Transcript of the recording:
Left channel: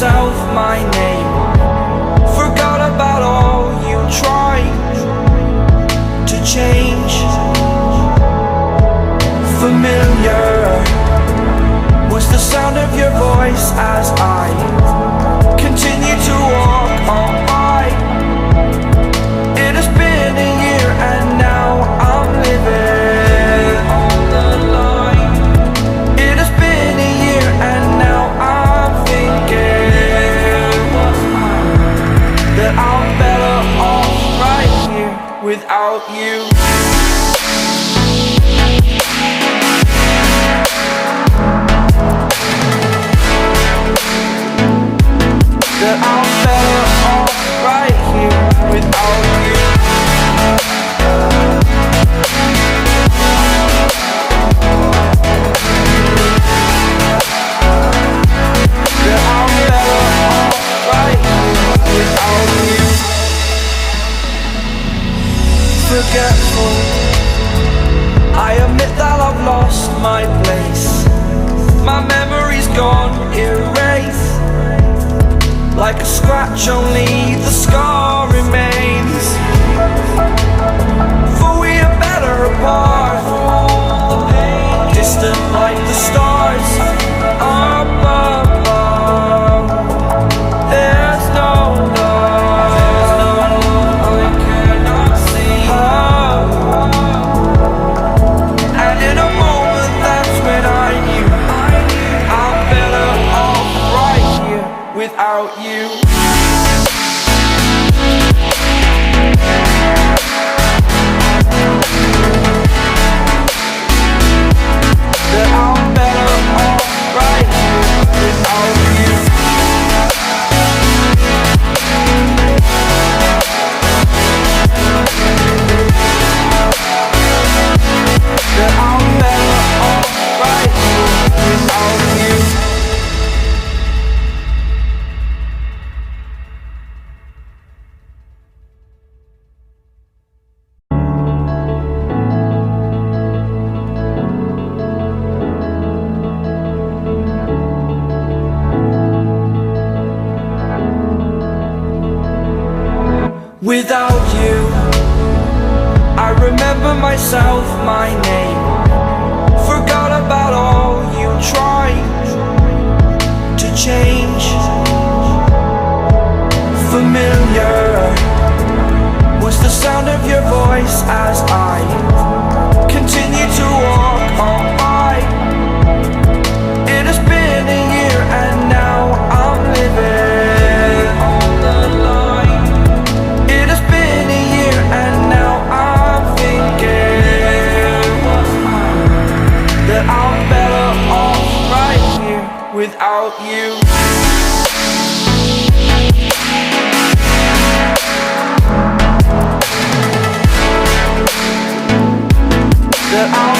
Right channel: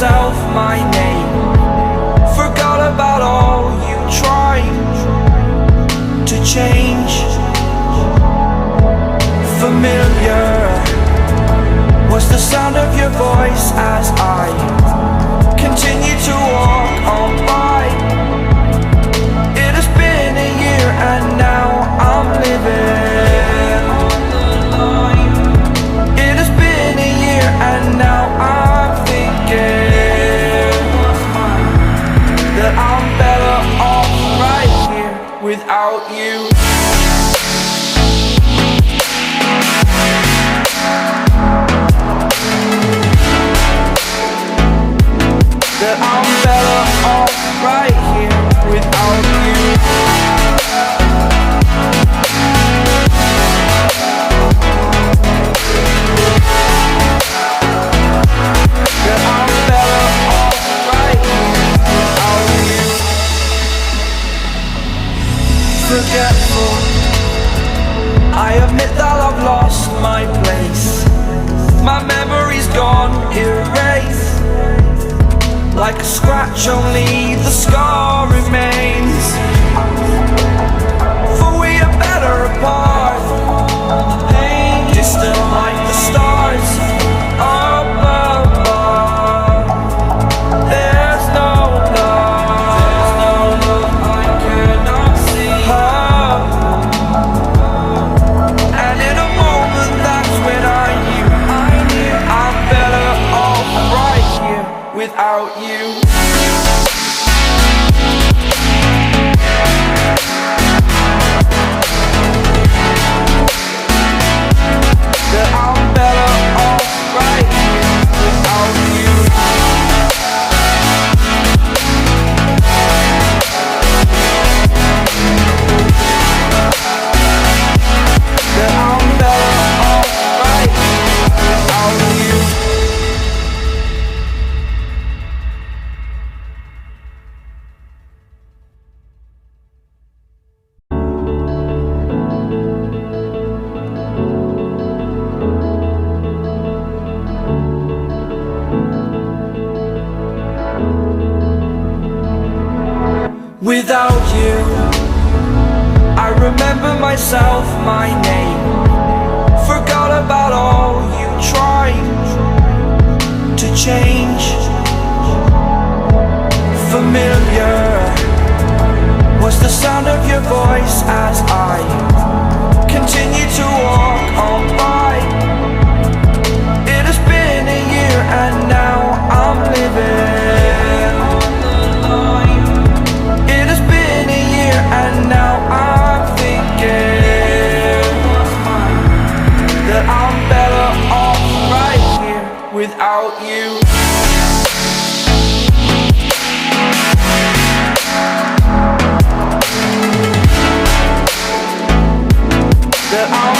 myself my name. Forgot about all you tried to change. Familiar was the sound of your voice as I continue to walk by. It has been a year and now I'm living on the line. It has been a year and now I'm thinking what's mine, that I'm better off right here without you. That I'm better off right here without you. That I'm better off right here without you. Forgetful, I admit that I've lost my place. My memory's gone erased. Like a scratch, only the scar remains. For we are better apart from all the pain. Distant like the stars above. There's no love I cannot see. And in a moment, that's when I knew I'm better off right here without you. That I'm better off right here without you. That I'm better off right here without you. Without you, I remember myself, my name. Forgot about all you tried to change. Familiar was the sound of your voice as I continue to walk by. It has been a year and now I'm living on the line. It has been a year and now I'm thinking what's mine, that I'm better off right here without you. That I'm